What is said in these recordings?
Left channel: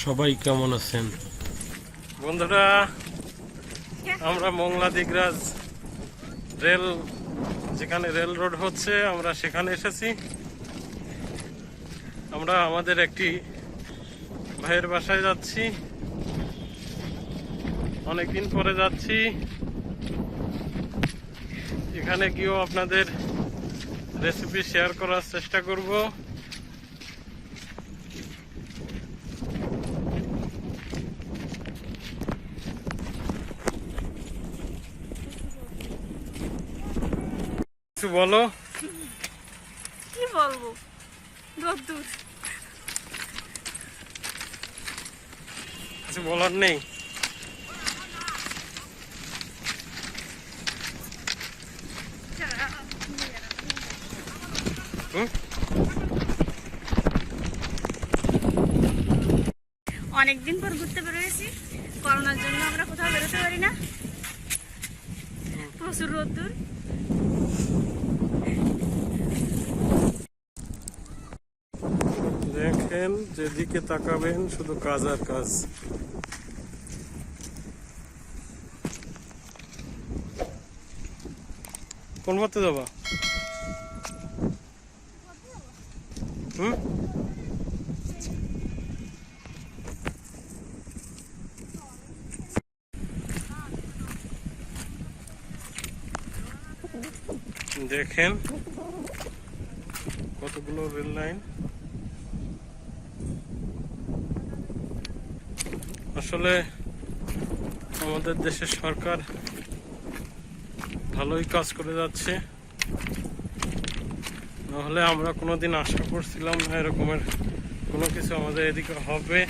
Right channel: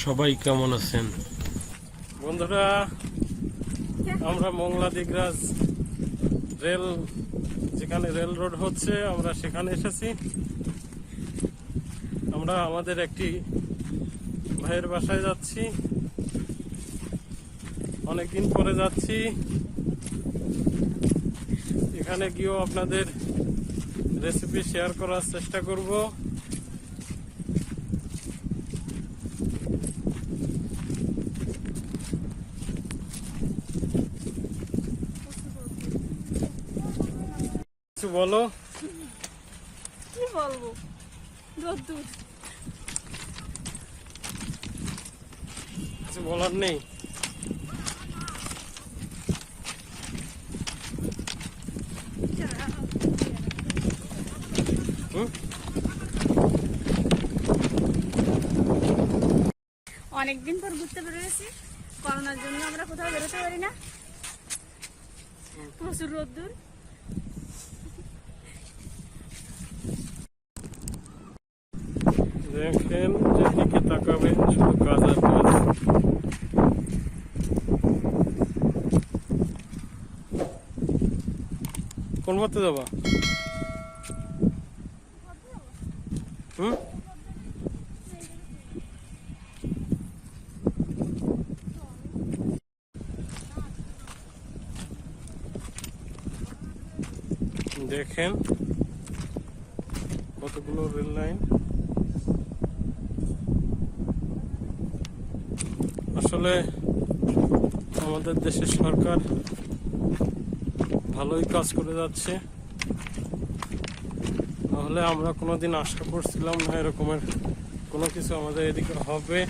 সবাই কেমন আছেন বন্ধুরা? আমরা মংলা দিগরাজ রেল, যেখানে রেল রোড হচ্ছে, আমরা সেখানে এসেছি। আমরা আমাদের একটি ভাইয়ের বাসায় যাচ্ছি, অনেকদিন পরে যাচ্ছি। এখানে গিয়েও আপনাদের রেসিপি শেয়ার করার চেষ্টা করব। কিছু বলো। কি বলবো, রোদ্দুর। কিছু বলার নেই। অনেকদিন পর ঘুরতে বেরোয়েছি। করোনার জন্য আমরা কোথাও বেরোতে পারি না, প্রচুর রোদ্দুর। দেখেন, যেদিকে তাকাবেন শুধু কাজ আর কাজ। কোন পথে যাবা? দেখেন কতগুলো রেল লাইন। আসলে আমাদের দেশের সরকার ভালোই কাজ করে যাচ্ছে, নাহলে আমরা কোনোদিন আশা করছিলাম না এরকমের কোনো কিছু আমাদের এদিকে হবে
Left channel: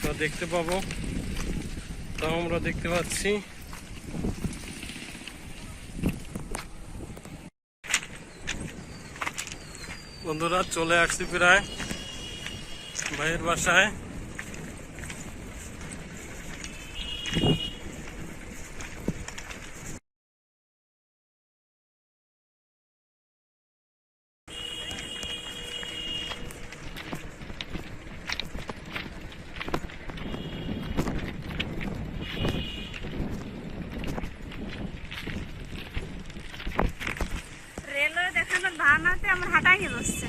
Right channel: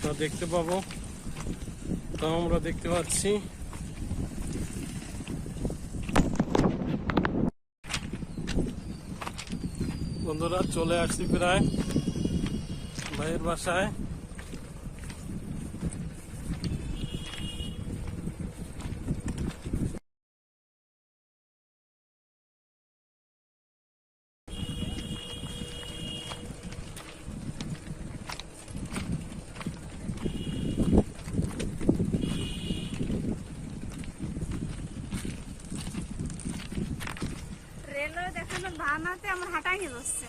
তা দেখতে পাবো। তা আমরা দেখতে পাচ্ছি। বন্ধুরা, চলে আসছি প্রায় ভাইয়ের বাসায়। রেলওয়ে দেখানোর বাহানাতে আমার হাঁটাই বসছে।